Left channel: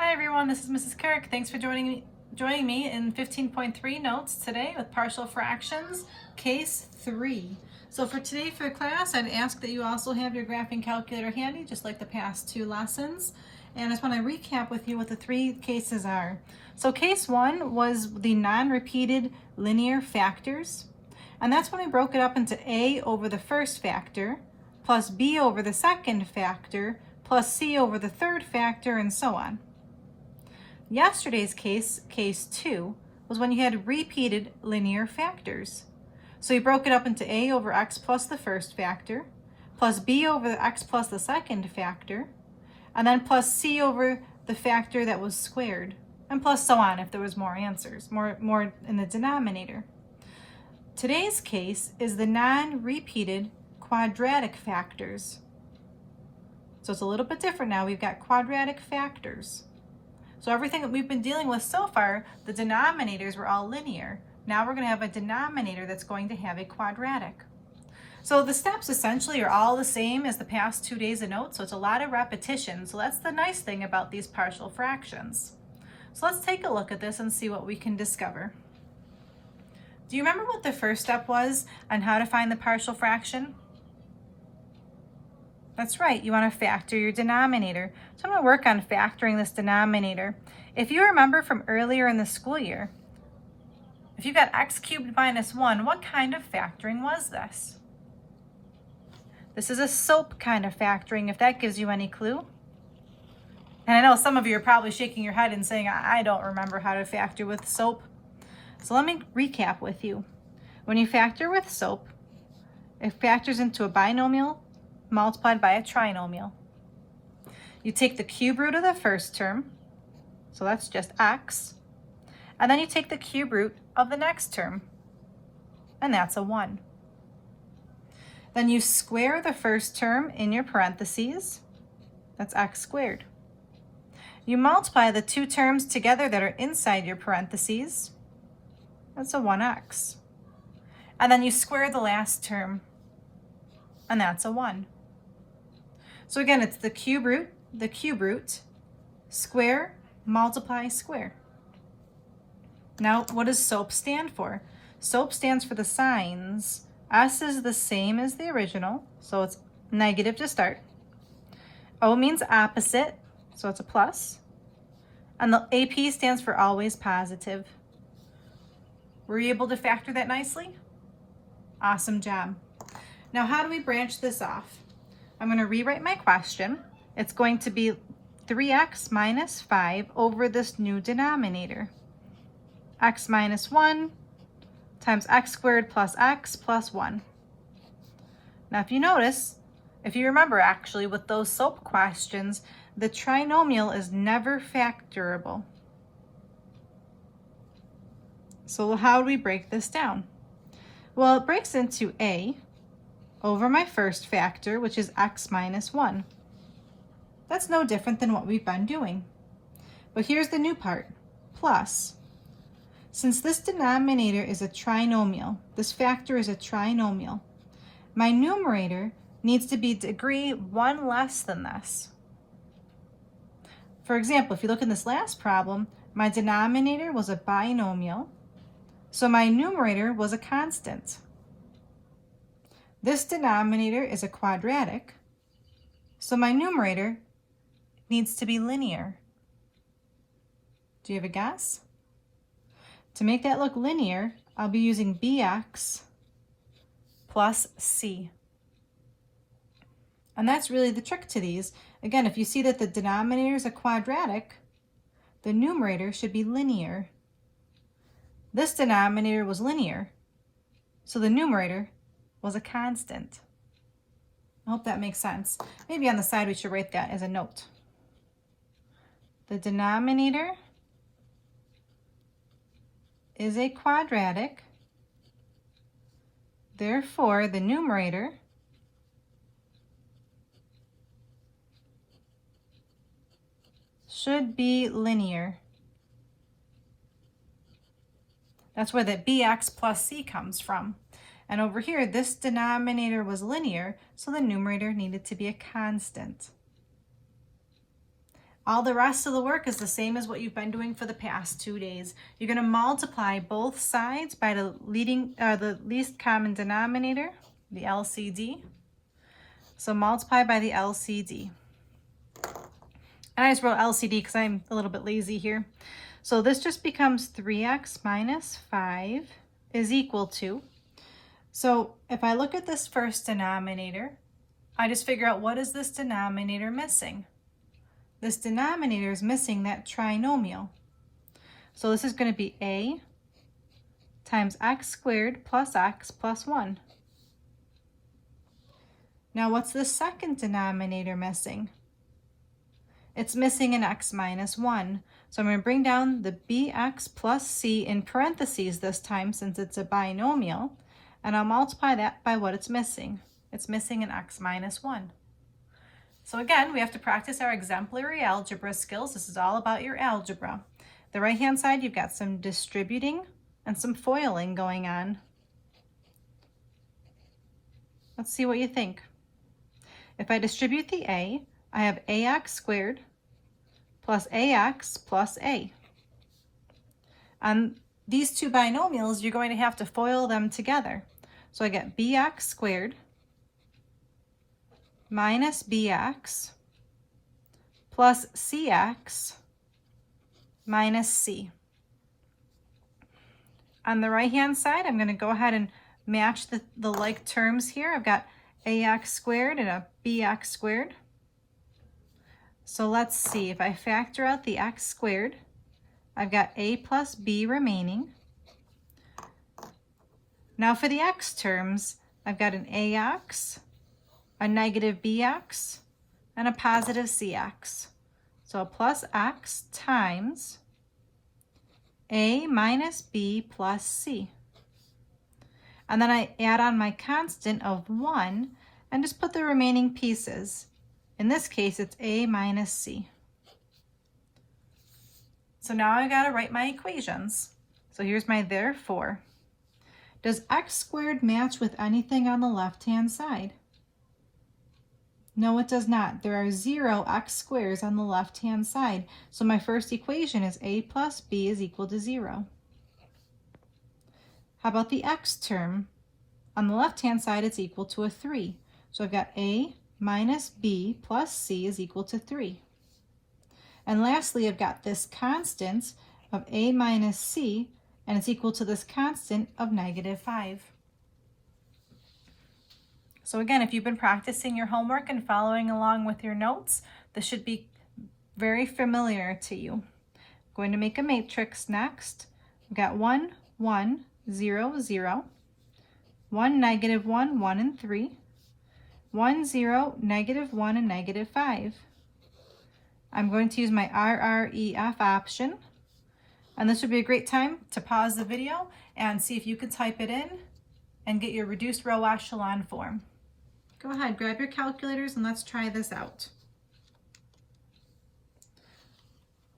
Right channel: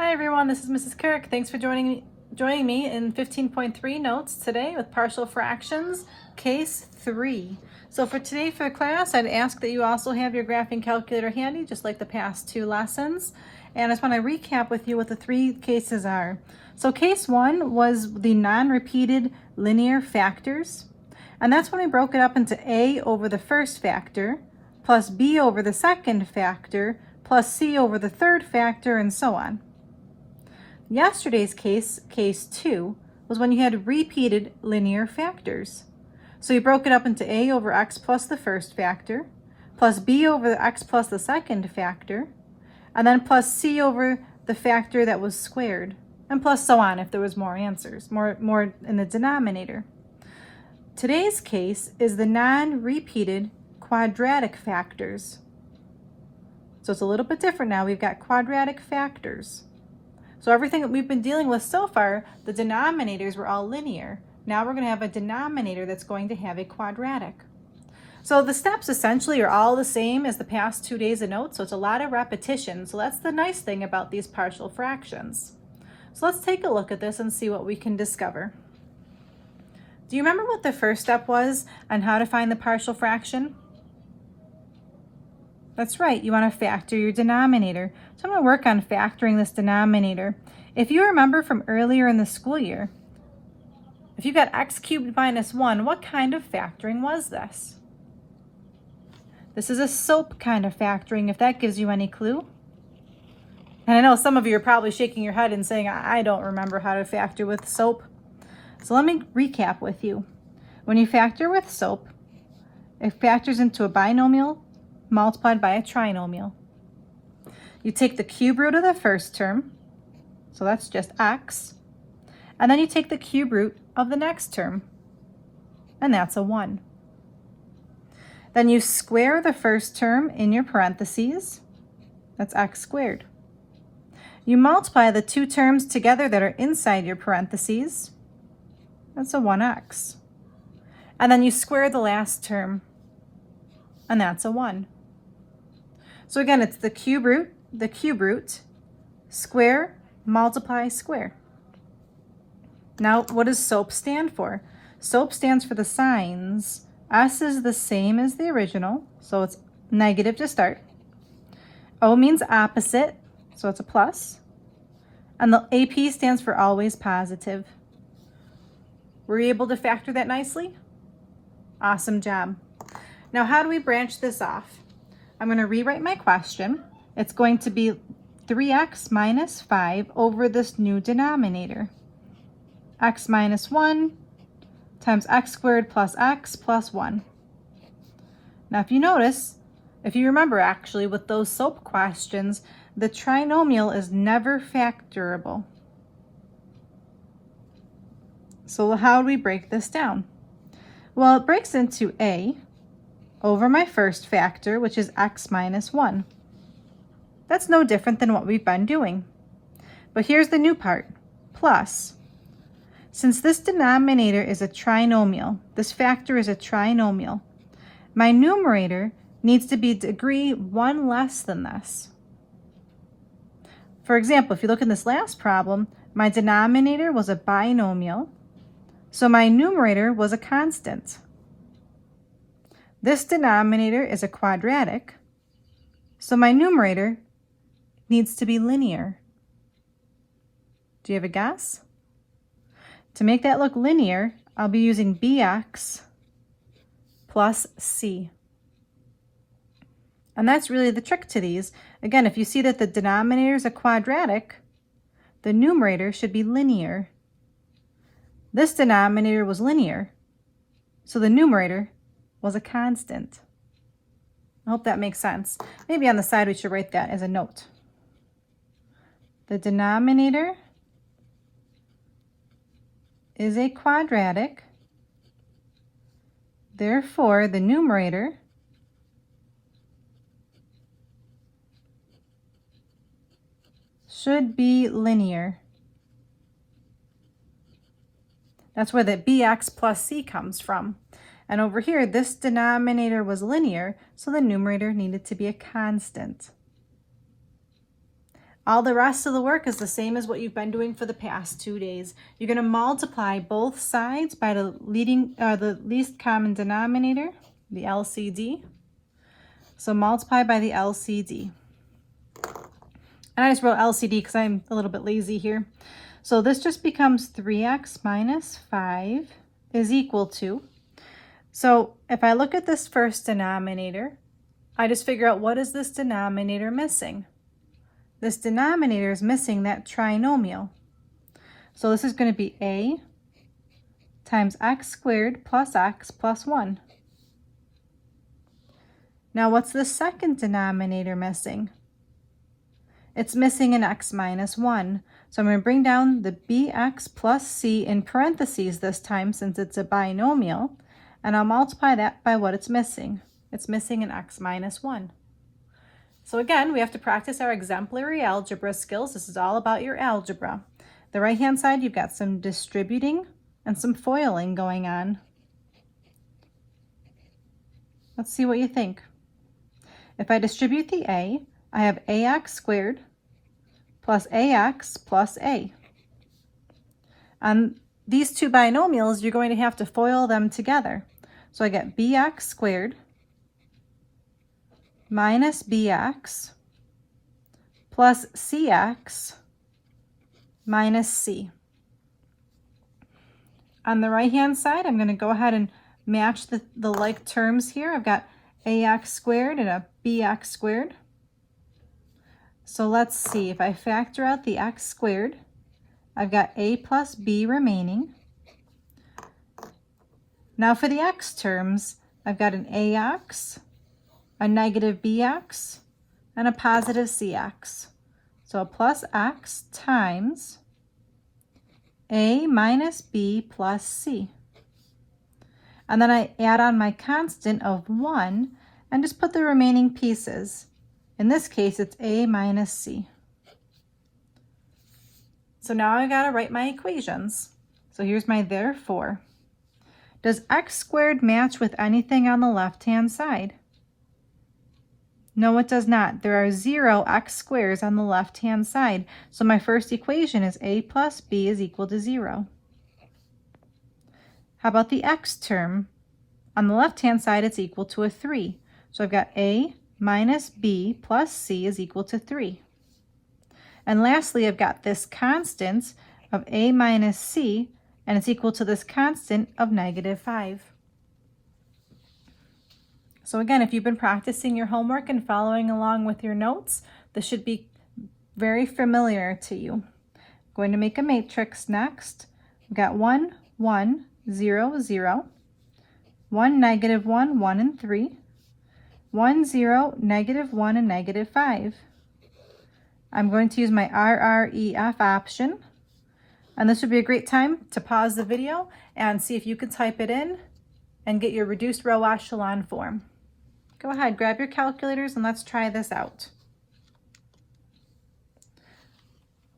Hi everyone, this is Mrs. Kirk. Thanks for joining me in 15.3 notes today with partial fractions, case 3. So for today for class, I'd ask that you also have your graphing calculator handy, just like the past two lessons. And I just want to recap with you what the three cases are. So case 1 was the non-repeated linear factors. And that's when we broke it up into A over the first factor, plus B over the second factor, plus C over the third factor, and so on. Yesterday's case, case 2, was when you had repeated linear factors. So you broke it up into A over x plus the first factor, plus B over the x plus the second factor, and then plus C over the factor that was squared, and plus so on if there was more answers, more in the denominator. Today's case is the non-repeated quadratic factors. So it's a little bit different now. We've got quadratic factors. So everything that we've been dealing with so far, the denominators were all linear. Now we're going to have a denominator that's going to have a quadratic. So the steps essentially are all the same as the past 2 days of notes, so it's a lot of repetition. So that's the nice thing about these partial fractions. So let's take a look at this and see what we can discover. Do you remember what the first step was on how to find the partial fraction? That's right, you want to factor your denominator. So I'm going to work on factoring this denominator. If you remember from earlier in the school year, if you got x cubed minus 1, what kind of factoring was this? This is a SOAP kind of factoring, if that gives you any clue. And I know some of you are probably shaking your head and saying, I don't remember how to factor with SOAP. So let me recap with you. When you factor with SOAP, it factors into a binomial multiplied by a trinomial. You take the cube root of the first term, so that's just x, and then you take the cube root of the next term, and that's a 1. Then you square the first term in your parentheses, that's x squared. You multiply the two terms together that are inside your parentheses, that's a 1x. And then you square the last term, and that's a 1. So again, it's the cube root, square, multiply, square. Now, what does SOAP stand for? SOAP stands for the signs. S is the same as the original, so it's negative to start. O means opposite, so it's a plus. And the AP stands for always positive. Were you able to factor that nicely? Awesome job. Now, how do we branch this off? I'm going to rewrite my question. It's going to be 3x minus 5 over this new denominator. X minus 1 times x squared plus x plus 1. Now, if you notice, if you remember actually with those SOAP questions, the trinomial is never factorable. So how do we break this down? Well, it breaks into A over my first factor, which is x minus 1. That's no different than what we've been doing. But here's the new part, plus. Since this denominator is a trinomial, this factor is a trinomial, my numerator needs to be degree 1 less than this. For example, if you look in this last problem, my denominator was a binomial, so my numerator was a constant. This denominator is a quadratic, so my numerator needs to be linear. Do you have a guess? To make that look linear, I'll be using bx plus c. And that's really the trick to these. Again, if you see that the denominator is a quadratic, the numerator should be linear. This denominator was linear, so the numerator was a constant. I hope that makes sense. Maybe on the side we should write that as a note. The denominator is a quadratic, therefore the numerator should be linear. That's where the bx plus c comes from. And over here, this denominator was linear, so the numerator needed to be a constant. All the rest of the work is the same as what you've been doing for the past 2 days. You're going to multiply both sides by the least common denominator, the LCD. So multiply by the LCD. And I just wrote LCD because I'm a little bit lazy here. So this just becomes 3x minus 5 is equal to. So if I look at this first denominator, I just figure out what is this denominator missing. This denominator is missing that trinomial. So this is going to be a times x squared plus x plus 1. Now what's the second denominator missing? It's missing an x minus 1. So I'm going to bring down the bx plus c in parentheses this time since it's a binomial, and I'll multiply that by what it's missing. It's missing an x minus 1. So again, we have to practice our exemplary algebra skills. This is all about your algebra. The right-hand side, you've got some distributing and some foiling going on. Let's see what you think. If I distribute the a, I have ax squared plus ax plus a. On these two binomials, you're going to have to FOIL them together. So I get bx squared minus bx plus cx minus c. On the right-hand side, I'm going to go ahead and match the like terms here. I've got ax squared and a bx squared. So let's see, if I factor out the x squared, I've got a plus b remaining. Now for the x terms, I've got an ax, a negative bx, and a positive cx. So plus x times a minus b plus c. And then I add on my constant of 1 and just put the remaining pieces. In this case, it's a minus c. So now I gotta write my equations. So here's my therefore. Does x squared match with anything on the left-hand side? No, it does not. There are 0 x squares on the left-hand side. So my first equation is a plus b is equal to 0. How about the x term? On the left-hand side, it's equal to a 3. So I've got a minus b plus c is equal to 3. And lastly, I've got this constant of a minus c, and it's equal to this constant of negative 5. So again, if you've been practicing your homework and following along with your notes, this should be very familiar to you. I'm going to make a matrix next. We've got 1, 1, 0, 0, 1, negative 1, 1, and 3, 1, 0, negative 1, and negative 5. I'm going to use my RREF option, and this would be a great time to pause the video and see if you could type it in and get your reduced row echelon form. Go ahead, grab your calculators and let's try this out.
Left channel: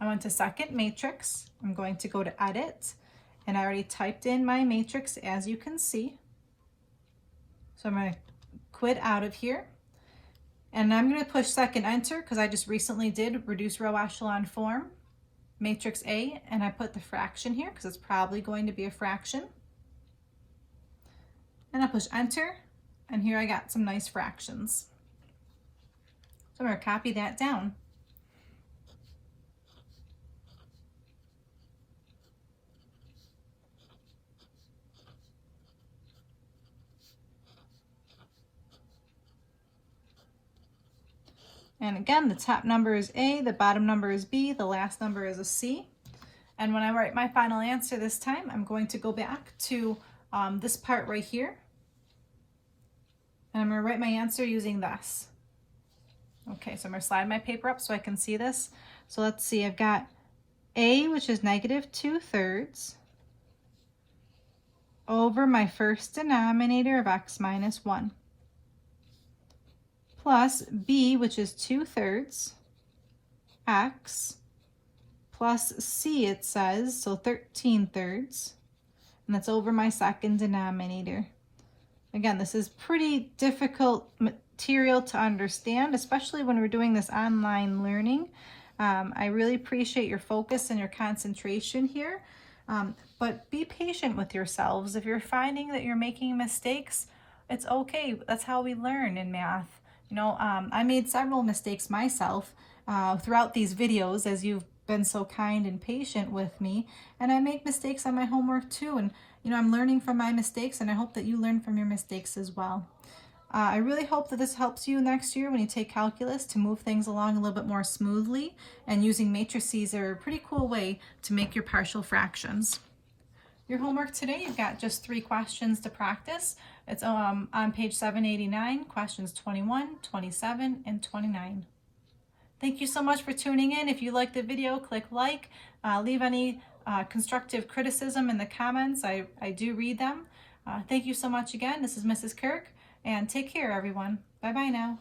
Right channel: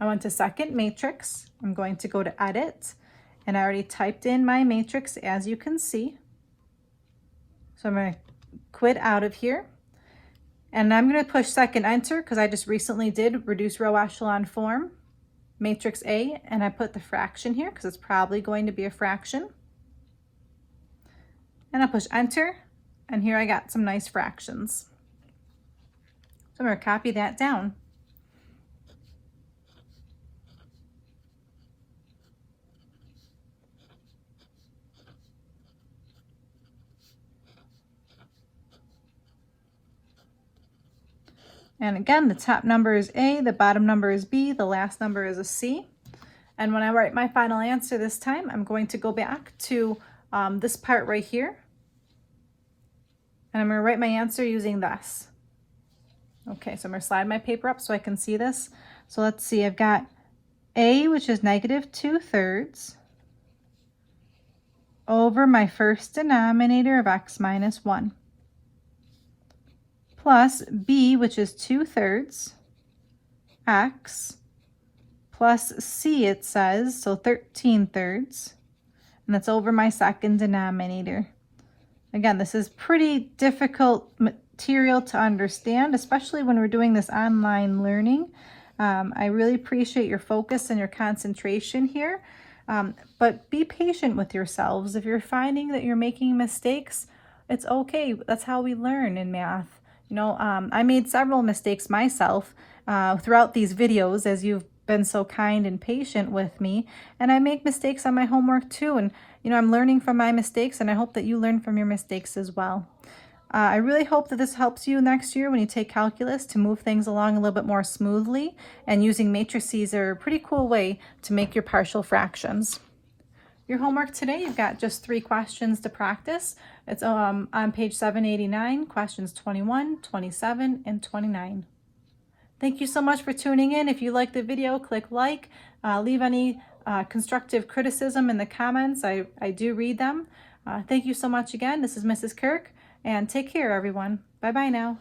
I went to second matrix. I'm going to go to edit, and I already typed in my matrix as you can see. So I'm going to quit out of here, and I'm going to push second enter because I just recently did reduce row echelon form, matrix A, and I put the fraction here because it's probably going to be a fraction. And I push enter, and here I got some nice fractions. So I'm going to copy that down. And again, the top number is A, the bottom number is B, the last number is a C. And when I write my final answer this time, I'm going to go back to this part right here. And I'm going to write my answer using this. Okay, so I'm going to slide my paper up so I can see this. So let's see, I've got A, which is negative 2/3, over my first denominator of x minus 1. Plus b, which is 2/3, x, plus c, it says, so 13/3, and that's over my second denominator. Again, this is pretty difficult material to understand, especially when we're doing this online learning. I really appreciate your focus and your concentration here. But be patient with yourselves. If you're finding that you're making mistakes, it's okay. That's how we learn in math. You know, I made several mistakes myself throughout these videos, as you've been so kind and patient with me. And I make mistakes on my homework too. And, you know, I'm learning from my mistakes, and I hope that you learn from your mistakes as well. I really hope that this helps you next year when you take calculus to move things along a little bit more smoothly, and using matrices are a pretty cool way to make your partial fractions. Your homework today, you've got just 3 questions to practice. It's on page 789, questions 21, 27, and 29. Thank you so much for tuning in. If you liked the video, click like, leave any constructive criticism in the comments. I do read them. Thank you so much again. This is Mrs. Kirk, and take care, everyone. Bye-bye now.